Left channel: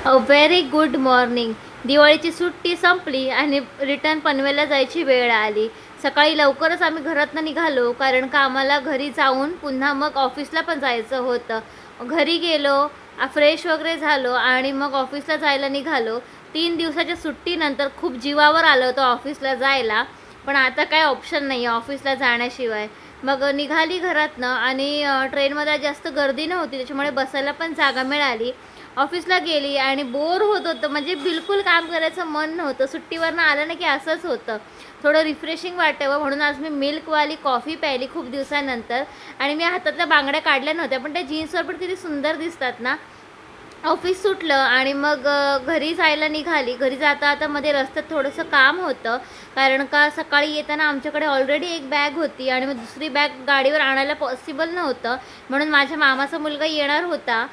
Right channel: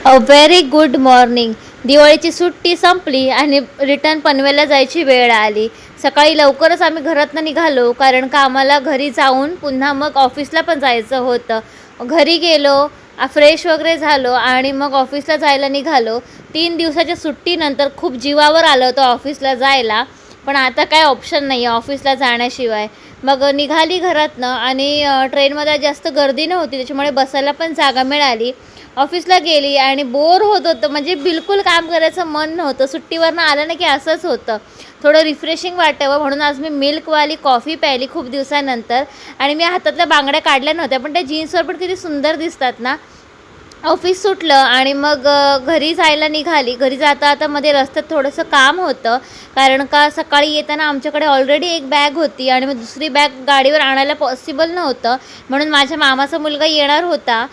A very good morning. दिवाळीची सुट्टी संपली आणि रिटर्न पनवेलला जायची वेळ आली. सकाळी लवकरच आम्ही घरातनं निघालो, कारण का आम्हाला घरी जाऊन पुन्हा मग ऑफिसला पण जायचं होतं. घरी गेलो, फ्रेश वगैरे झालो आणि मग ऑफिसला जायला निघालो. 3 दिवसाच्या सुट्टीनंतर खूप जीवावर आलं होतं ऑफिसला जायला, पण आता काय ऑप्शन नाही आहे ऑफिसला जाण्याशिवाय. मग निघाली घरातनं आणि ट्रेनमध्ये जास्त गर्दी नव्हती, त्याच्यामुळे बसायला पण जागा मिळाली. ऑफिसला गेली आणि बोर होत होतं, म्हणजे बिलकुल काम करायचं मन नव्हतं. सुट्टीवरनं आलं ना की असंच होतं, थोडं रिफ्रेशिंग वाटावं म्हणून आज मी मिल्कवाली कॉफी प्यायली खूप दिवसानंतर. आणि मी हातातल्या बांगड्या काढल्या नव्हत्या, पण त्या जीन्सवर पण किती सुंदर दिसतात ना. ऑफिस सुटलं आणि मग घरी जायला निघाली. घरी जाता आता मध्ये रस्त्यात थोडंसं काम होतं, कारण का सकाळी येताना आमच्याकडे ऑलरेडी एक बॅग होती आणि मग दुसरी बॅग गाडीवर आणायला पॉसिबल नव्हतं, म्हणून माझ्या मामाचा मुलगा येणार होता.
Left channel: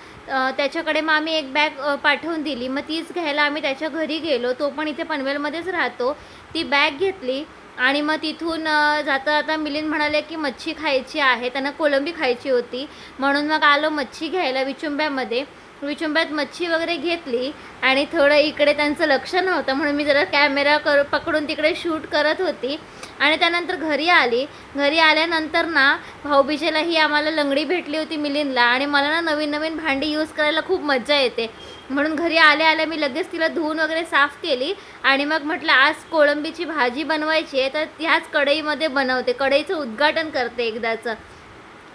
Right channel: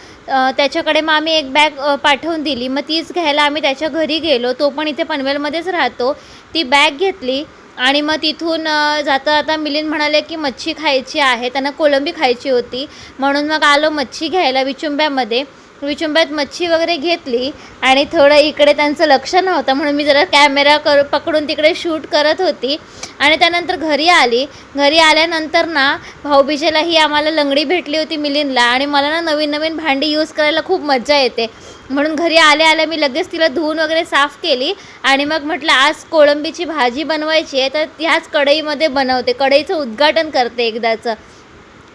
त्याच्याकडे मग आम्ही एक बॅग पाठवून दिली. मग तीच घ्यायला आम्ही त्याच्या घरी गेलो. तो पण इथे पनवेलमध्येच राहतो. ती बॅग घेतली आणि मग तिथून जाता जाता मिलिंद म्हणाले की मच्छी खायची आहे, त्यांना कोळंबी खायची होती. म्हणून मग आलो मच्छी घ्यायला विचुंब्यामध्ये. विचुंब्यात मच्छी वगैरे घेतली आणि थोडं इकडे त्यांचं लक्ष नव्हतं, म्हणून मी जरा कॅमेरा पकडून तिकडे शूट करत होती. आणि त्यानंतर घरी आली. घरी आल्यानंतर ना भाऊबीजेलाही आम्हाला लंगडी भेटली होती मिलिंदला, आणि मला ना नवीन नवीन भांडी यूज करायला खूप मज्जा येते, म्हणून घरी आल्या आल्या मी लगेच तिला धुवून वगैरे साफ केली. आणि मग म्हटलं आज कोळंबीची भाजी बनवायची आहे, तर ह्याच कढईमध्ये बनवते, कढईचं उद्घाटन करते एकदाचं.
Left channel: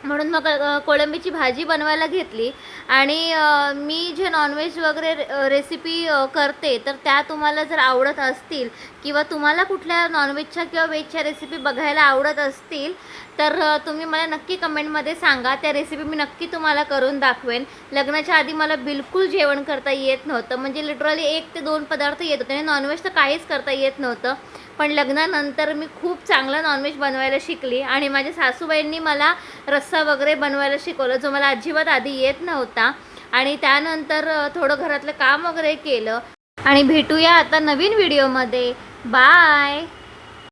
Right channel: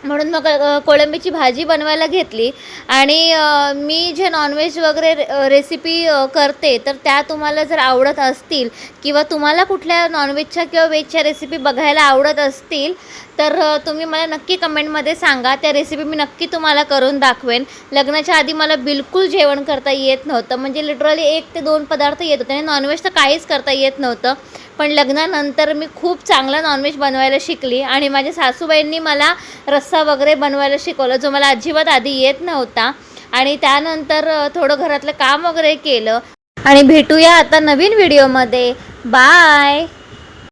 म्हणून मग कोळंबीची भाजी बनवायला घेतली. आणि मी जे नॉनव्हेज वगैरे रेसिपी करते, तर त्या तुम्हाला जर आवडत असतील किंवा तुम्हाला कुठल्या नॉनव्हेजच्या किंवा व्हेजच्या रेसिपी बघायला आवडत असतील, तर तुम्ही मला नक्की कमेंटमध्ये सांगा. त्या रेसिपी मी नक्की तुम्हाला करून दाखवेन. लग्नाच्या आधी मला बिलकुल जेवण करता येत नव्हतं, म्हणजे लिटरली 1 ते 2 पदार्थ येत होते आणि नॉनव्हेज तर काहीच करता येत नव्हतं. पण लग्नानंतर मी खूप चांगलं नॉनव्हेज बनवायला शिकली आणि माझ्या सासूबाईंनी मला रस्सा वगैरे बनवायला शिकवलं, जो मला अजिबात आधी येत नव्हता. आणि त्यानंतर थोडं घरातलं काम वगैरे केलं. आणि भेटूया आता नवीन व्हिडिओमध्ये. बाय.